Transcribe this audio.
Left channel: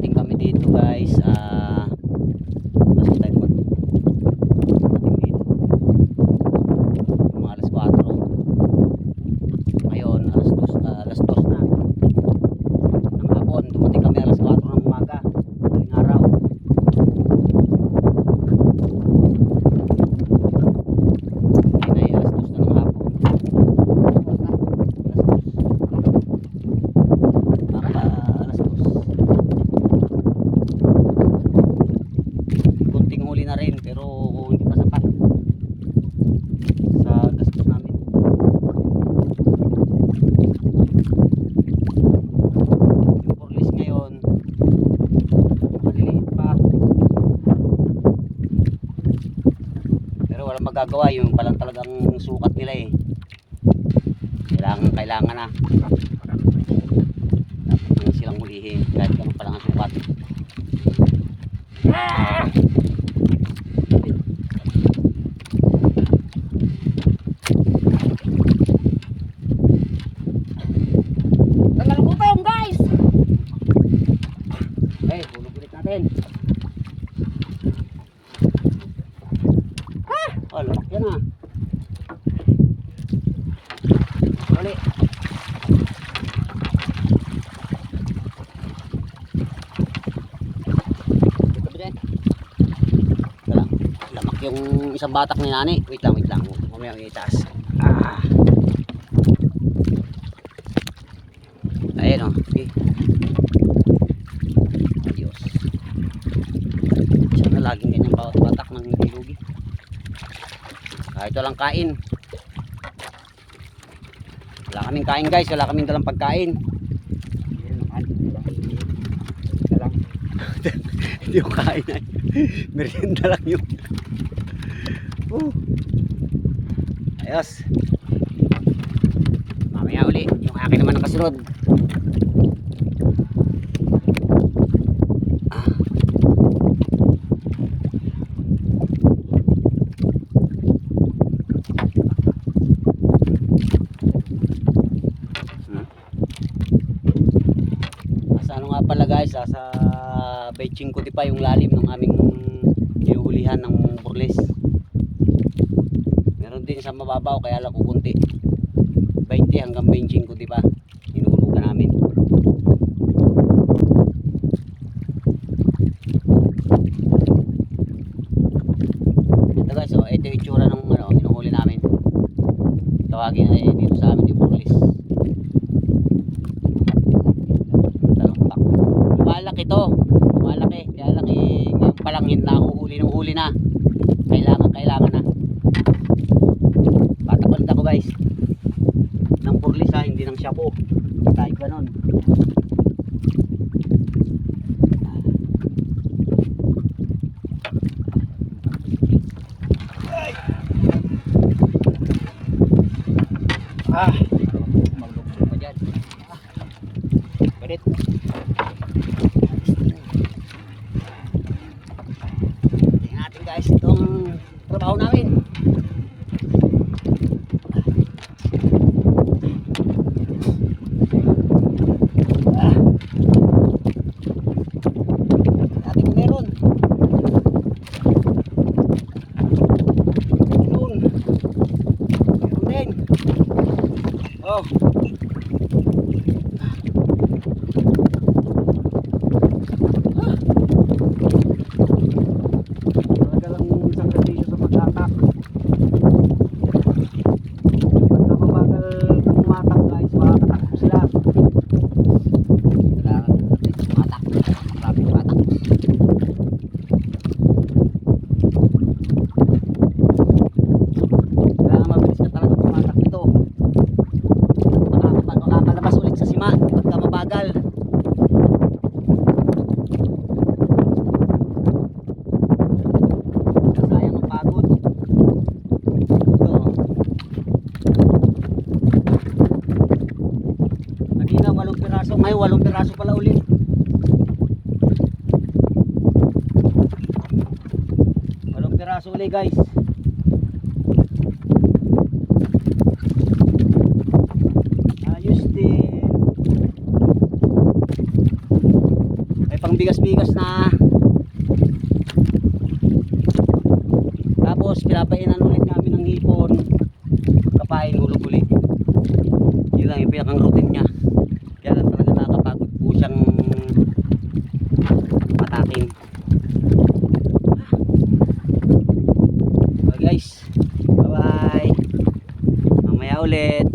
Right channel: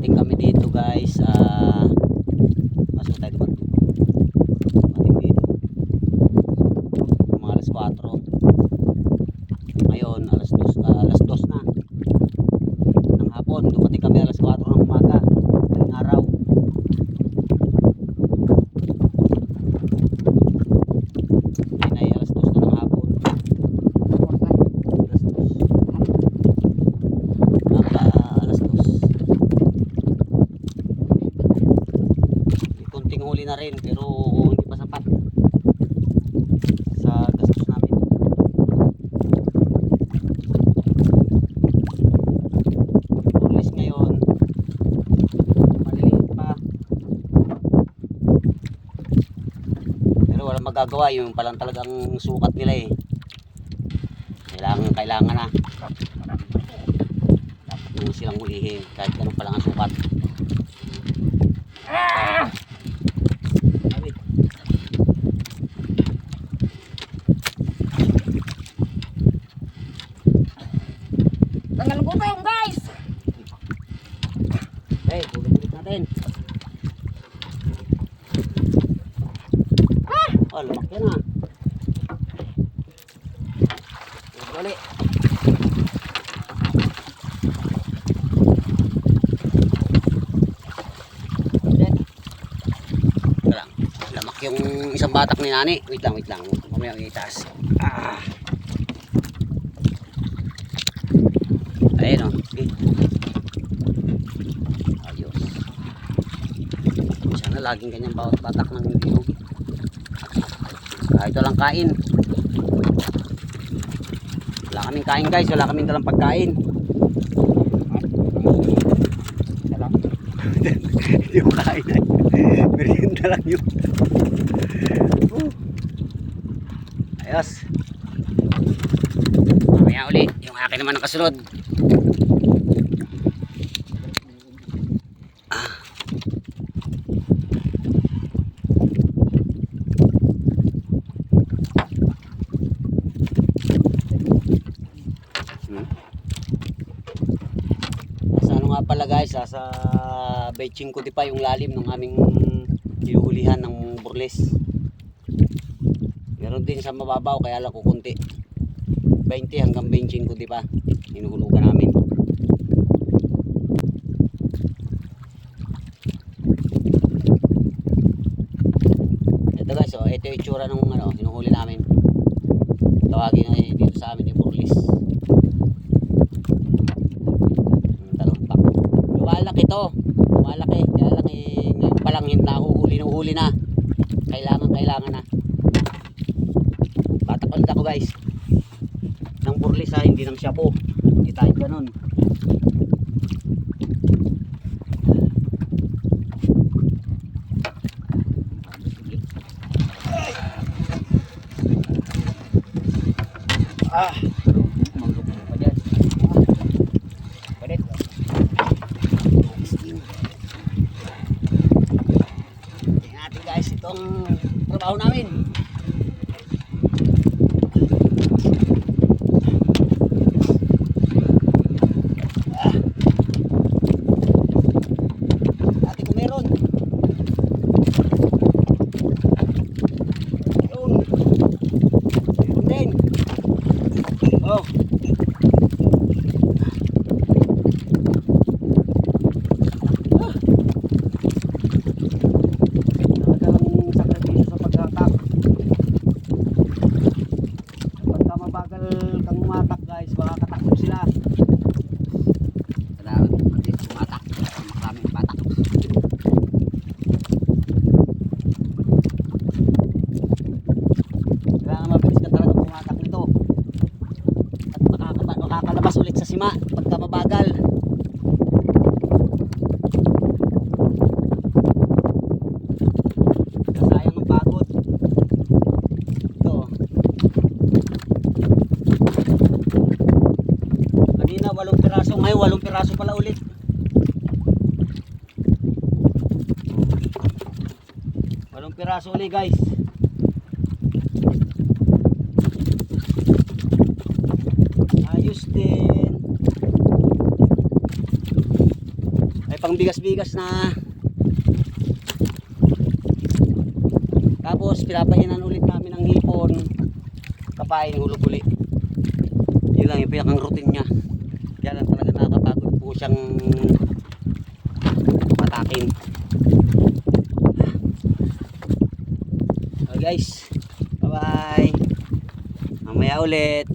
dumating kami dito guys. Masok tayo dumating dito mga alas 4. Ngayon alas 2 na ng hapon. Dumating kami alas 4 ng umaga, madaling araw. Ay alas 2 na ng hapon. Alas 2 kunting huli na rin pero hindi pa sapat sa gastos namin. Yung burlis ngayon maliliit pa pero walang magagawa, yung palang talagang sukat nila eh. Kailangan na dapat nang silang hulihin kahit ganun pa lang ang sukat. Tanggal gutom guys. Okay, hulog ulit natin. Oh, lumak yan ha. Ulit. Lamak yung isang batak ni nani. Wait lang. Mamaya may itaas. Ayun o. Adios. Sana laging ganyan bawat batak ng hindi lugi. Kahit walang kain. Wala kaming kain guys. Wala kaming dalang pagkain. Hindi yung kain ay. Merienda lang yun. Ayos. Mamaya uli. Yung akin naman ang kasunod. Sa ano nga pala guys, sa Beching ko di pa yung lalim ng aming hinuhulihan ng burles. Meron din sa mababaw kaya lang kukunti. 20 hanggang 25 ko di pa hinuhulugan namin. Ito guys, oh, ito yung itsura ng hinuhuli namin. Tawagin ay dito sa amin yung burles. Lumalaki to, lumalaki, kaya lang ngayon palang nahuhuli na. Kailangan na. Patapalit ako guys ng burlis ha, hindi ng shapo. Hindi tayo ganun. Maglukso pa dyan. Ganit. Tingnan natin guys itong trabaho namin. Dati ko meron. Yun. Meron din. Oh. Makakalabas ulit sa sima pagka mabagal. Sayang ang pagod. Ito. Kanina 8 piraso, ngayon 8 piraso pala ulit. Piraso ulit guys. Ayos din. Ay pang bigas-bigas na. Tapos pinapahinan ulit namin ng hipon. Kapain, hulog uli. Yun lang yung pinakang routine niya. Yan lang talaga nakakapagod po siyang matakin. So guys, bye bye. Mamaya ulit.